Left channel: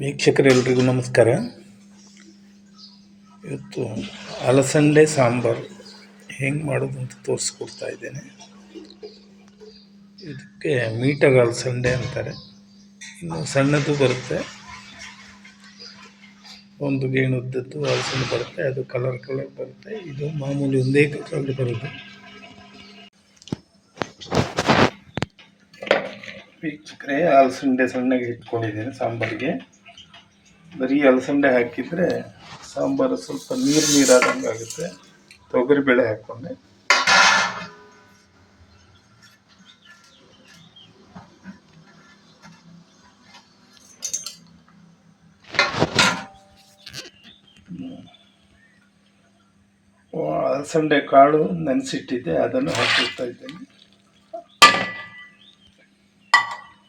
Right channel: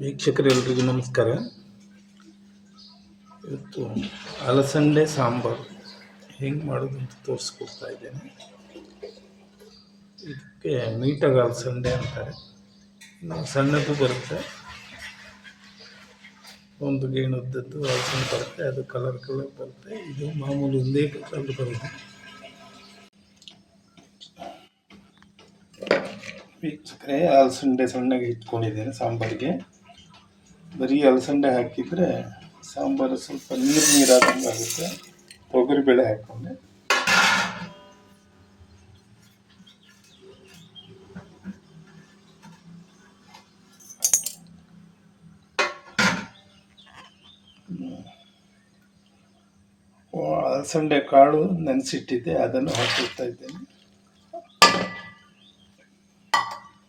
ವೀಕ್ಷಕರೆಲ್ಲರಿಗೂ ನಮಸ್ಕಾರ. ಇವತ್ತು ಅಲಸಂದೆ ಸಾಂಬಾರು ಹೆಂಗೆ ಮಾಡೋದು ಅಂತ ತೋರಿಸ್ಕೊಡ್ತಾ ಇದ್ದೇನೆ. ಇದಕ್ಕೆ ನೀಟಾಗಿ ಅಲಸಂದೆ ಅಂತಾರೆ, ಇನ್ನು ಸಣ್ಣದು ಬರುತ್ತೆ, ಒಂದು ಗೇಣುದ್ದದ್ದು ಅಲಸಂದೆ ಬರುತ್ತೆ, ಅದು ಕಲರ್ ಬರುತ್ತೆ. ಇದು ಮಾಮೂಲಿ ಒಂದೇ ಕಲರ್ ಬರುತ್ತೆ. ವೀಕ್ಷಕರೇ, ಅಲಸಂದೆ ಸಣ್ಣಗೆ ಇಟ್ಕೊಂಡಿದ್ದೇನೆ ಸಾಂಬಾರಿಗೆ. ಬರೀ ಅಲಸಂದೆ ಹಾಕಿದರೆ ಸಾಂಬಾರು ಸ್ವಲ್ಪ ನೀರಾದಂಗೆ ಆಗುತ್ತೆ. ತೊಗರಿಬೇಳೆ ಹಾಕ್ಕೊಂಡೆ, ಅಲಸಂದೆ ಕಾಳು ನೆನೆಸಿಟ್ಟಿದ್ದೆ, ಅದನ್ನು ಹಾಕಿರ್ತಾ ಇದ್ದೇನೆ.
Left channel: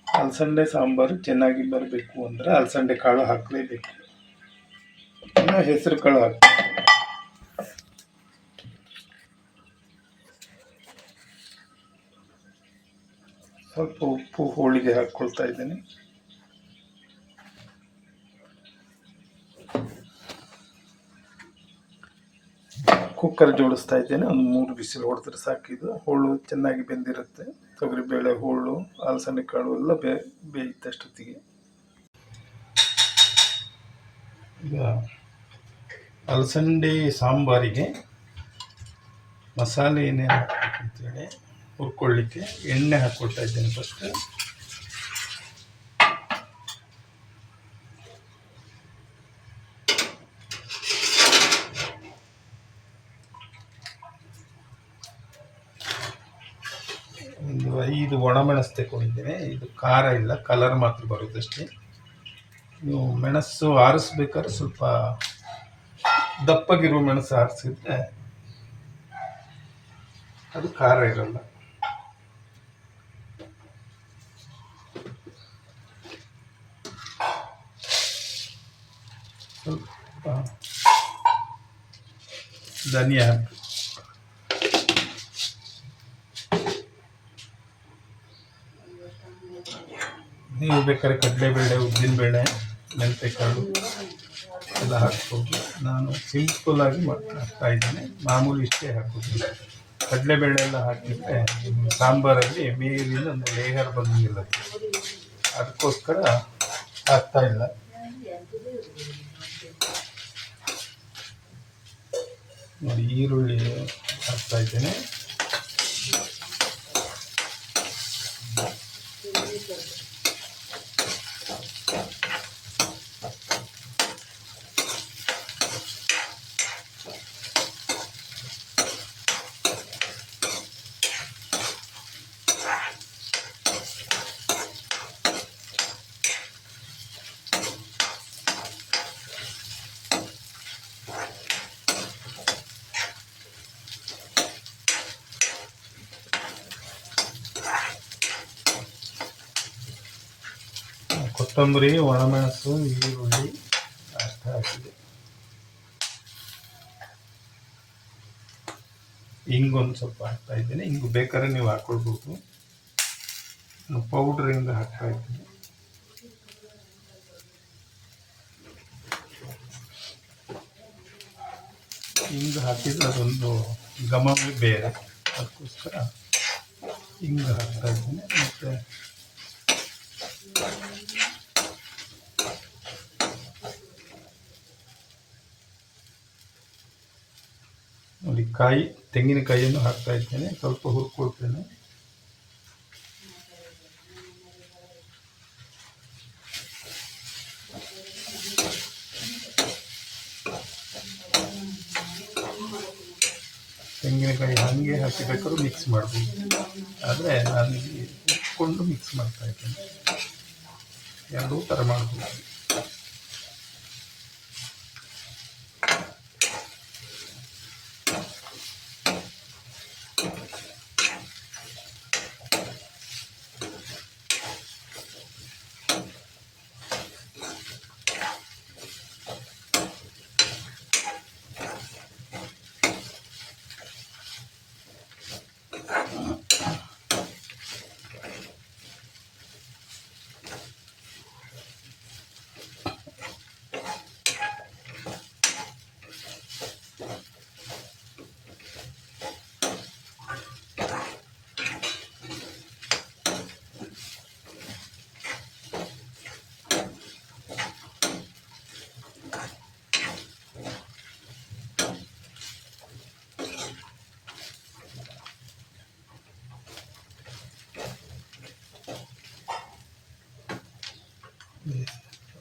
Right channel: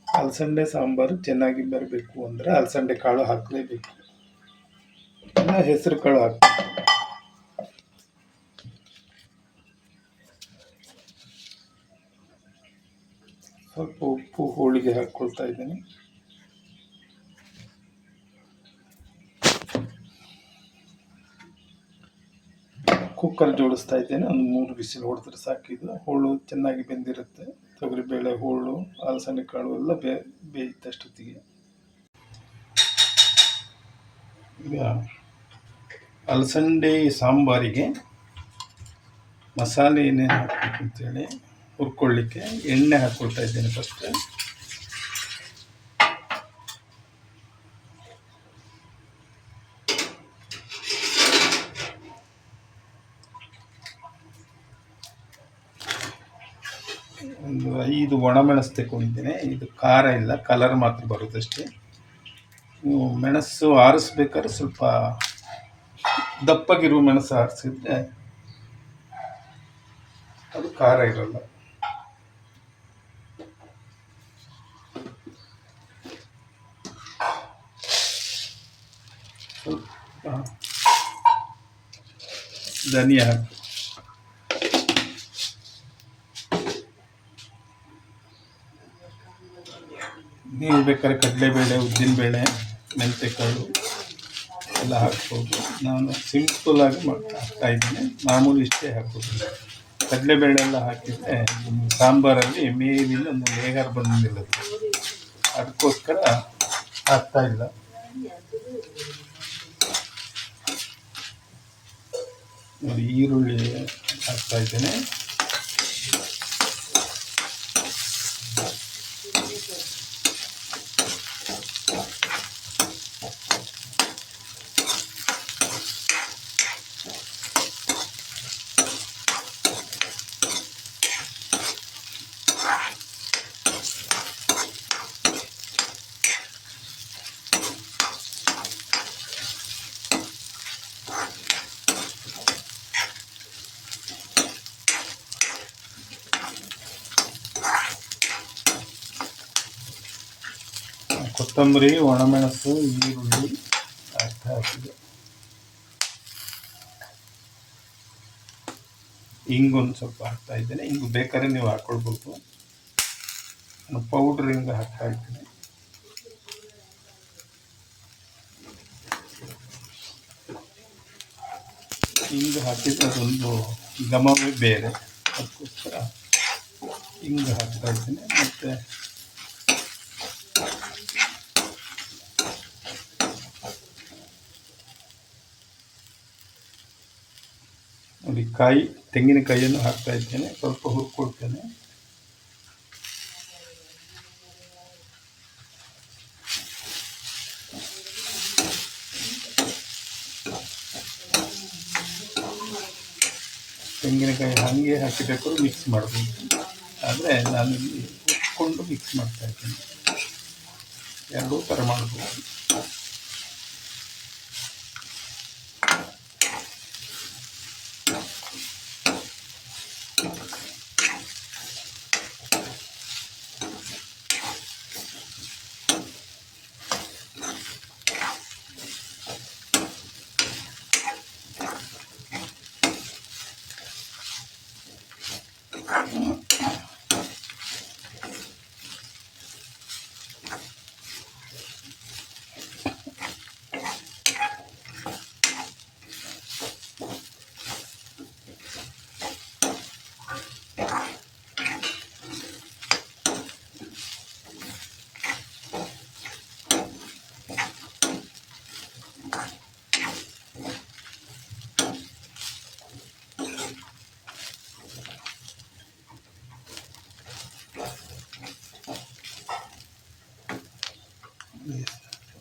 ಅಲಸಂದೆ ಸಾಂಬಾರು ಚೆನ್ನಾಗಿ ಬರಬೇಕು ಅಂದರೆ ಅಲಸಂದೆ ಕಾಳು ಹಾಕಲೇಬೇಕು, ಇಲ್ಲ ಹೆಸರು ಕಾಳು ಹಾಕಿ. ಸ್ವಲ್ಪ ಉಪ್ಪು ಹೋಳಿಗೆ ಹಾಕ್ಕೊಳ್ತಾ ಇದ್ದೇನೆ. ಕುಕ್ಕರ್ ಜೋಡಿಸ್ತಾ ಇದ್ದೇನೆ. ಒಂದು 3 ಬಿಸಿಲು ಹೊಡೆದ್ರೆ ಸಾಕಿದು. ಹೋಳು ಚೆನ್ನಾಗಿ ಬೆಂದಿರುತ್ತೆ. ತೊಗರಿಬೇಳೆ, ಹೋಳು, ಅಲಸಂದೆ ಕಾಳು ಎಲ್ಲ ಬೇಯುತ್ತಷ್ಟೊತ್ತಿಗೆ. ಈಗ ಅಲಸಂದೆ ಸಾಂಬಾರಿಗೆ ಮಸಾಲೆ ಏನೇನು ಹಾಕಬೇಕು ಅಂತೇಳಿ ಹುರ್ಕೊಳ್ಳಿಕ್ಕೆ ಎಣ್ಣೆ ಹಾಕ್ಕೊಳ್ತಾ ಇದ್ದೇನೆ. ಫಸ್ಟ್ ಒಂದು 5 ಒಣಮೆಣಸು ತಗೊಂಡಿದ್ದೇನೆ. ಇದು ಖಾರ ಇಲ್ಲ, ಕಲರ್ ಮಾತ್ರ ಬರೋದಷ್ಟೇ. ನೀವು ಮೆಣಸು ಆರಿಸ್ಬೇಕಾದ್ರೆ ಸ್ವಲ್ಪ ದಪ್ಪಗಿರುವ ಮೆಣಸು ಆರಿಸಿದ್ರೆ ಅದು ಖಾರ ಇರಲ್ಲ. ಸ್ವಲ್ಪ ಧನಿಯಾ ಹಾಕಿ, ನೀವು ಬೇಕಾದ್ರೆ ಕಡಲೆಬೇಳೆ, ಉದ್ದಿನಬೇಳೆ, ಮೆಂತೆಕಾಳು ಎಲ್ಲ ಹಾಕ್ಬೋದು. ನಾನು ಸಿಂಪಲ್ಲಾಗಿ ಹಾಕ್ತಾ ಇದ್ದೀನಿ, ಮಾಮೂಲಿ ಇಷ್ಟೇ ಹಾಕೋದು. ಕಡಲೆಬೇಳೆ ಎಲ್ಲ ಹಾಕಿದರೆ ಸಾಂಬಾರಲ್ಲಿ ಮೇಲಿನ ಒಂದು ಲೇಯರ್ ಬಂದಿಲ್ಲ, ಅದಕ್ಕೋಸ್ಕರ ಹಾಕ್ತಾ ಇಲ್ಲ. ನೋಡಿ, ಈರುಳ್ಳಿ ಹಾಕ್ತಾ ಇದ್ದೇನೆ. ಕೊತ್ತಂಬರಿ, ಒಣಮೆಣಸು, ಈರುಳ್ಳಿ ಅಷ್ಟು ಹಾಕಿದೆ. ಹಿಂಗೊಂದು ಸ್ವಲ್ಪ ಹಾಕ್ತಾ ಇದ್ದೇನೆ. ಹಿಂಗು ಬೇಕಾದ್ರೆ ನೀವು ಹಾಕ್ಕೊಳ್ಬೋದು. ನಾನು ಪೌಡ್ರ್ ಹಿಂಗೆ ಹಾಕ್ತಾ ಇದ್ದೀನಿ. ಹಿಂಗೆ ಹಾಕಿದ್ರೆ ಅದೊಂದು ಘಮವೇ ಬೇರೆ, ಅದಕ್ಕೋಸ್ಕರ ಹಿಂಗೆ ಹಾಕ್ತಾ ಇದ್ದೀನಿ. ಮತ್ತು ನೋಡಿ, ತೆಂಗಿನಕಾಯಿಯನ್ನು ಹಾಕ್ತಾ ಇದ್ದೇನೆ. ಸ್ವಲ್ಪ ಹುರ್ಕೊಳ್ತೇನೆ. ತೆಂಗಿನಕಾಯಿ ಹಾಗೆ ಹಾಕಿಬೇಕಾದ್ರೂ ಮಿಕ್ಸ್ ಮಾಡ್ಬೋದು, ಆದರೆ ನಾನು ಇಲ್ಲಿ ಹುರ್ಕೊಂಡು ಮಿಕ್ಸ್ ಮಾಡ್ತಾ ಇದ್ದೇನೆ. ಎರಡೂ ಥರ ಮಾಡ್ಬೋದು.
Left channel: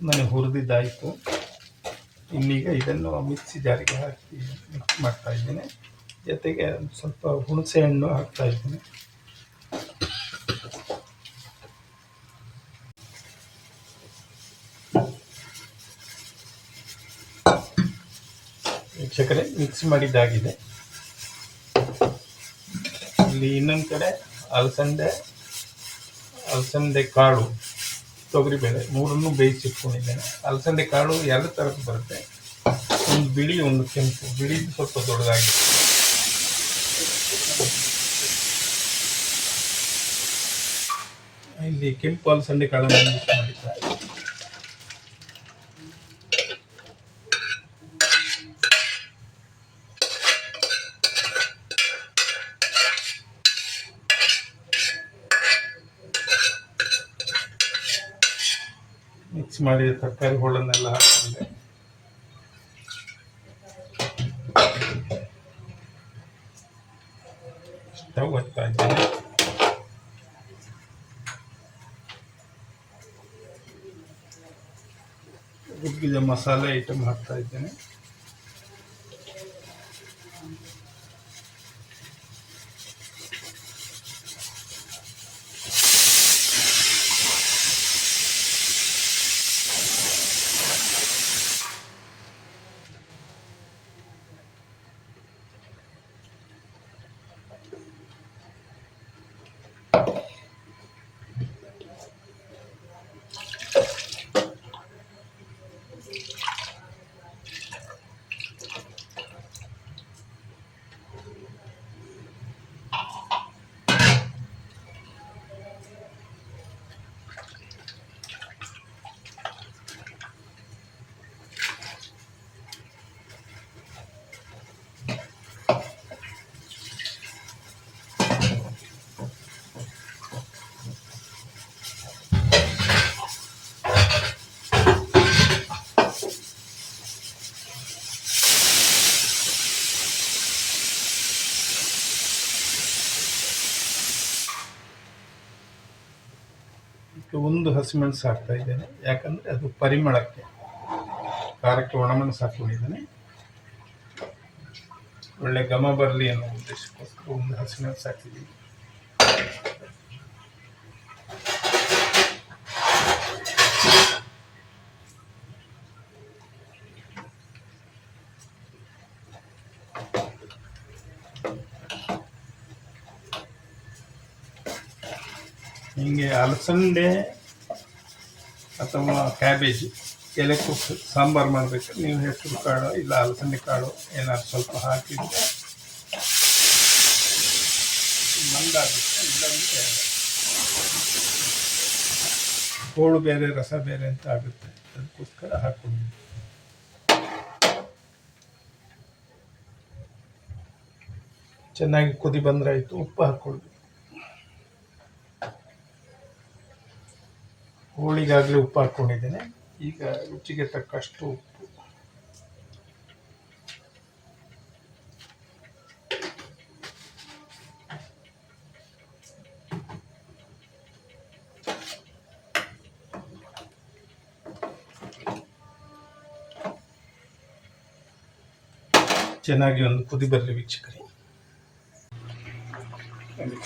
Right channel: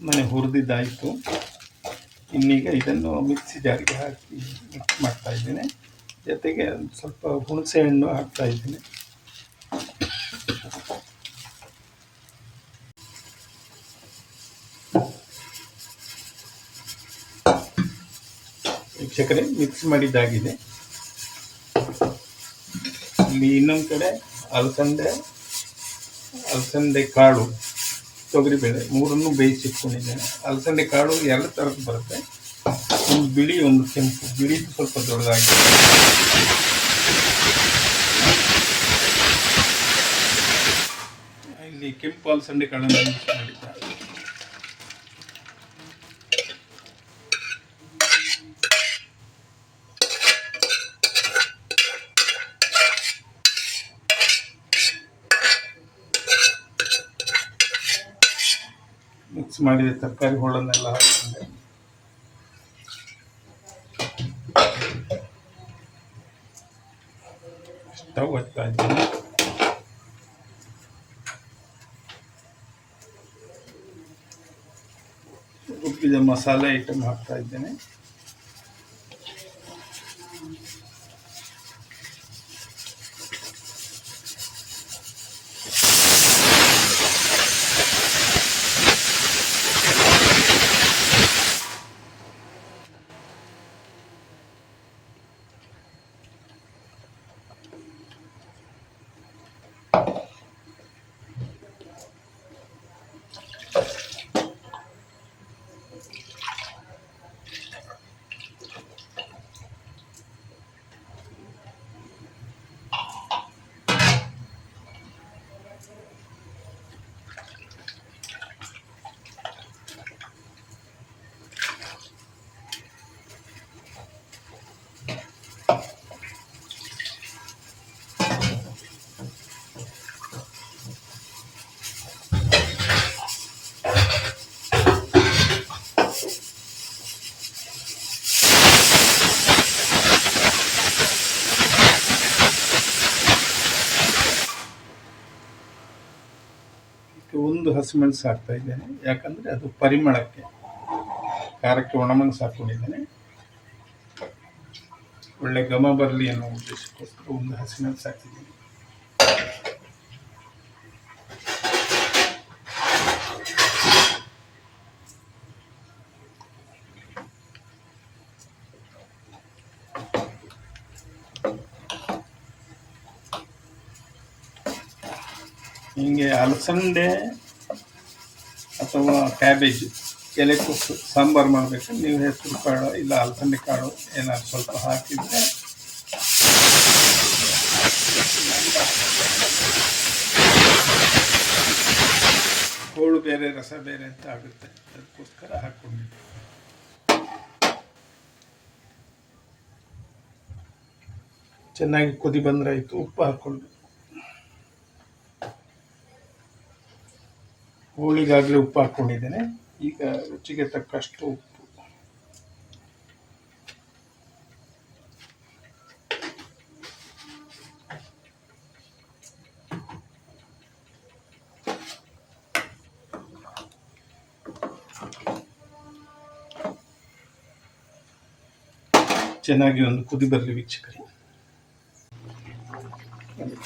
ನನಗೆ ಹುರಿದಿದ್ದಾಯಿತು. ಇನ್ನೀಗ ಇದನ್ನು ಮಿಕ್ಸಿ ಜಾರಿಗೆ ಹಾಕಿ ಮಿಕ್ಸ್ ಮಾಡ್ತಾ ಇದ್ದೇನೆ. ಜೊತೆಗೆ ಸ್ವಲ್ಪ ಹುಣಸೆ ಹಣ್ಣು ಹಾಕ್ತಾ ಇದ್ದೇನೆ. ವೀಕ್ಷಕರೇ, ಮಿಕ್ಸ್ ಮಾಡಿದ್ದಾಗಿದೆ. ಇಲ್ಲಿ ಇನ್ನೊಂದು ಕಡೆ ಅಲಸಂದೆ ಕಾಳು, ತೊಗರಿಬೇಳೆ ಮೂರನ್ನು ಬೇಯಿಸಿಟ್ಕೊಂಡಿದ್ದೇನೆ. ಅಲಸಂದೆ ಕಾಳು ಎರಡು ಥರದ್ದು ಬರುತ್ತೆ, ಒಂದು ಬಿಳಿ ಒಂದು ಕೆಂಪು. ಬಿಳಿದು ಸ್ವಲ್ಪ ದೊಡ್ಡದಾಗಿದೆ. ಇಲ್ಲಿ ಕೆಂಪು ಅಲಸಂದೆ ಕಾಳನ್ನು ಮಿಕ್ಸ್ ಮಾಡಿದ್ದಾರೆ. ಮಿಕ್ಸ್ ಮಾಡಿದ ತರಕಾರಿ ಹೋಳನ್ನೆಲ್ಲ ಹಾಕಿಕೊಂಡೆ. ಸ್ಟವ್ ಹಚ್ತಾ ಇದ್ದೇನೆ. ರುಬ್ಬಿದ ಮಸಾಲೆ ಐಟಮ್ ಹಾಕ್ತಾ ಇದ್ದೇನೆ. ಒಂದು ಹಸಿಮೆಣಸು ಹಾಕ್ತಾ ಇದ್ದೇನೆ, ಯಾಕಂದರೆ ಅದು ಪರಿಮಳಕ್ಕೆ, ಖಾರಕ್ಕೆ ಒಣಮೆಣಸು ಹಾಕ್ಕೊಂಡಿದ್ದೇನೆ. ಒಳ್ಳೆ ಘಮ ಬರಲಿ ಅನ್ನೋ ಉದ್ದೇಶಕ್ಕೋಸ್ಕರ ಒಂದು ಹಸಿಮೆಣಸು ಹಾಕಿದ್ದೀನಿ. ಹೀಗೆ ಅಲಸಂದೆ ಅಥವಾ ಕ್ಯಾಬೇಜ್ ಎಲೆಕೋಸು ಸಾಂಬಾರು ಮಾಡಬೇಕಾದ್ರೆ ನೀವು ಹೆಸರು ಕಾಳು ಇಲ್ಲ ಅಲಸಂದೆ ಕಾಳು ಏನಾದ್ರು ಸ್ವಲ್ಪ ಹಾಕಿದರೆ ಹೋಳು ಬೇರೆ ರಸ ಬೇರೆ ಅಂತ ಆಗುತ್ತೆ. ಅದಕ್ಕೋಸ್ಕರ ಹಾಕ್ಕೊಂಡಿದ್ದೆ. ಚೆನ್ನಾಗಿ ಕುದಿ ಬಂದರೆ ಆಯಿತು. ಉಪ್ಪು ಹಾಕ್ಕೊಳ್ಬೇಕು. ಹೋಳಿಗಾಗಲೇ ಉಪ್ಪು ಹಾಕ್ಕೊಂಡಿದ್ದೇನೆ. ಈಗ ರುಚಿಗೆ ತಕ್ಕಷ್ಟು ಉಪ್ಪು. ಚೆನ್ನಾಗಿ ಒಂದು ಕುದಿ ಬರಲಿ ವೀಕ್ಷಕರೇ.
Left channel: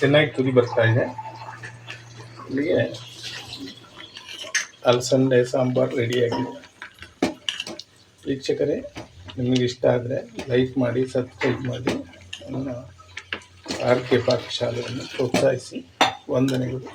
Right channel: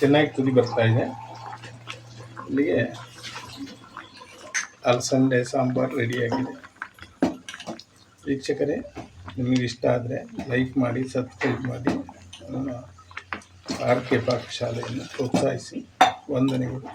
ಚೆನ್ನಾಗಿ ಕುದಿ ಬರ್ತಾ ಇದೆ. ಇಲ್ಲಿಗೆ ಅಲಸಂದೆ ಸಾಂಬಾರು ರೆಡಿಯಾಗಿದೆ. ವೀಕ್ಷಕರೇ, ನಿಮಗೆ ಇಷ್ಟ ಆದರೆ ಲೈಕ್ ಮಾಡಿ, ಸಬ್ಸ್ಕ್ರೈಬ್ ಮಾಡಿ, ನನ್ನ RK ಪಾಕಶಾಲೆಯನ್ನು ಪ್ರೋತ್ಸಾಹಿಸಿ. ವಂದನೆಗಳು.